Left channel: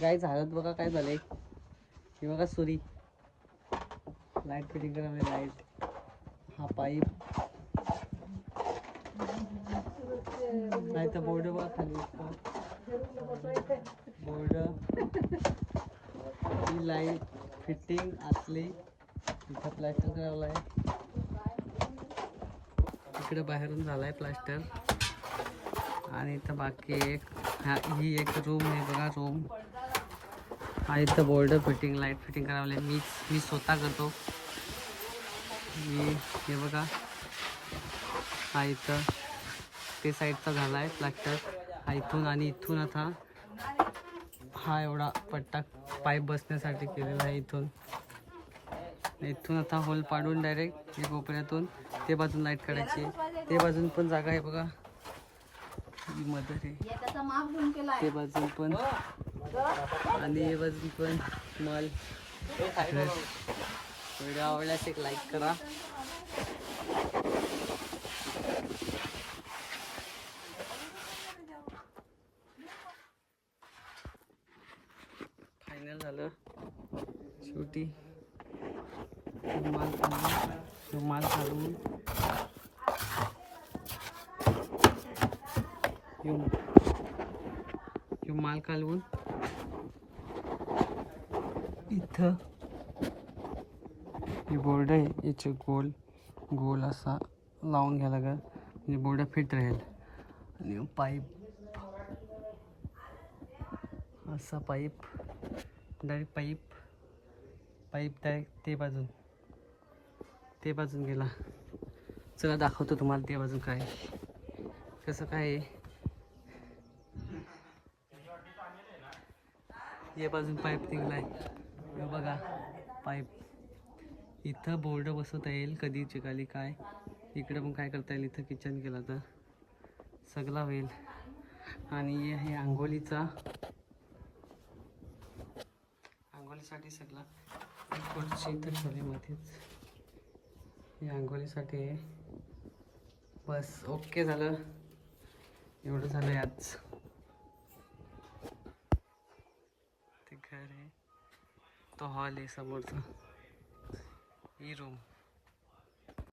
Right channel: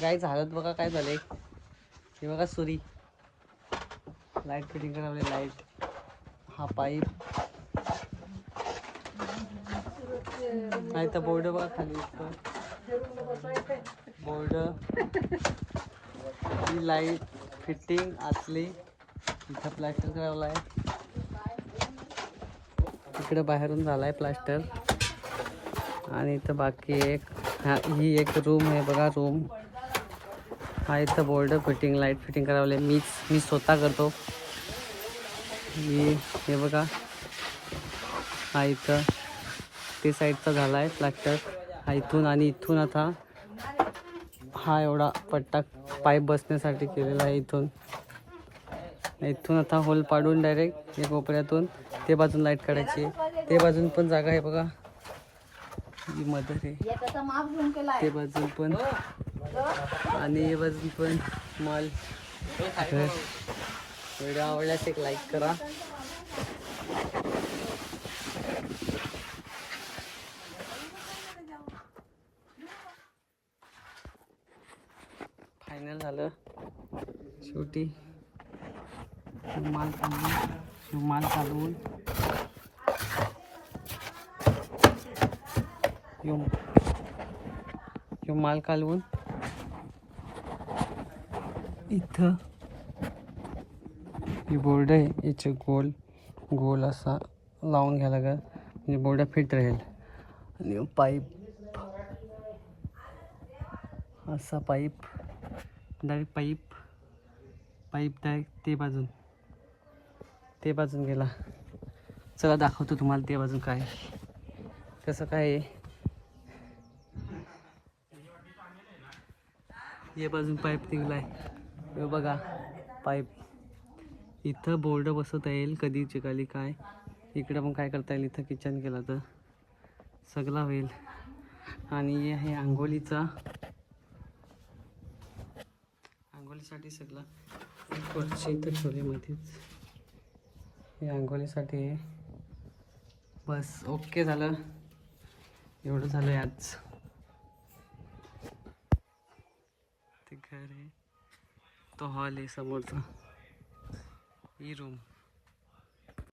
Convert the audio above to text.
Guys हालत बघा काय झाले. हे बघा सुरी लाईट फिटिंग करावली. लाईट हा पाईप नाही तर बोर्ड बघा खाली बोर्ड ही लाईट फिटिंग आतली इथं प्लास्टर करावला आहे. इकडे बाहेरून झालाय प्लास्टर आणि इथं बाकी एक ही एक रूम आहे बघा. रूम हा इथं बोर्ड फिटिंग लाईट फिटिंग करावले. मी स्वतः करतो. हे बघा हा इथं ते साईडचा झाला आहे प्लास्टर. हा इथून आणि इथून आता हा एवढा पट्टा पाईप बसण्यासाठी केलेला आहे. इथून आता होल पाडून डायरेक्ट या कोपऱ्यातून ते बाजून लाईट काढायची. ते बाजून पण जागा आहे बघा. ही मदर आहे ते बाजून पण आणि हे बाजून पण माल. व्हिडिओ आवडल्यास एक लाईक करा. फायनल झालं शेवटी. माल काढून माल काढून इथं हे बोर्ड आहे. याचे गोल असा लावून घ्यायला लागेल म्हणजे बोर्ड फिट राहील. आणि पाईप असा पाईप डायरेक्ट डायरेक्ट ते बाजून गेला. चला दाखवतो तुम्हाला ते बाजून काय कसं काय आहे. या बाजून पाईप निघलाय हे बघा. पाईप इथं बोर्ड बसवता येईल कधी चिकाली काय. इकडं पण काय करता येईल. इथं किचन केला तर सगळा होईल. आणि हे आहे आंघोळीसाठी सगळं. खुर्ची इथं ठेवली मध्येच. हे आंघोळीसाठी आहे. बस ओके झालं. एवढं झालं आज. ते घर आहे तो हॉल आहे समोरचा. ही रूम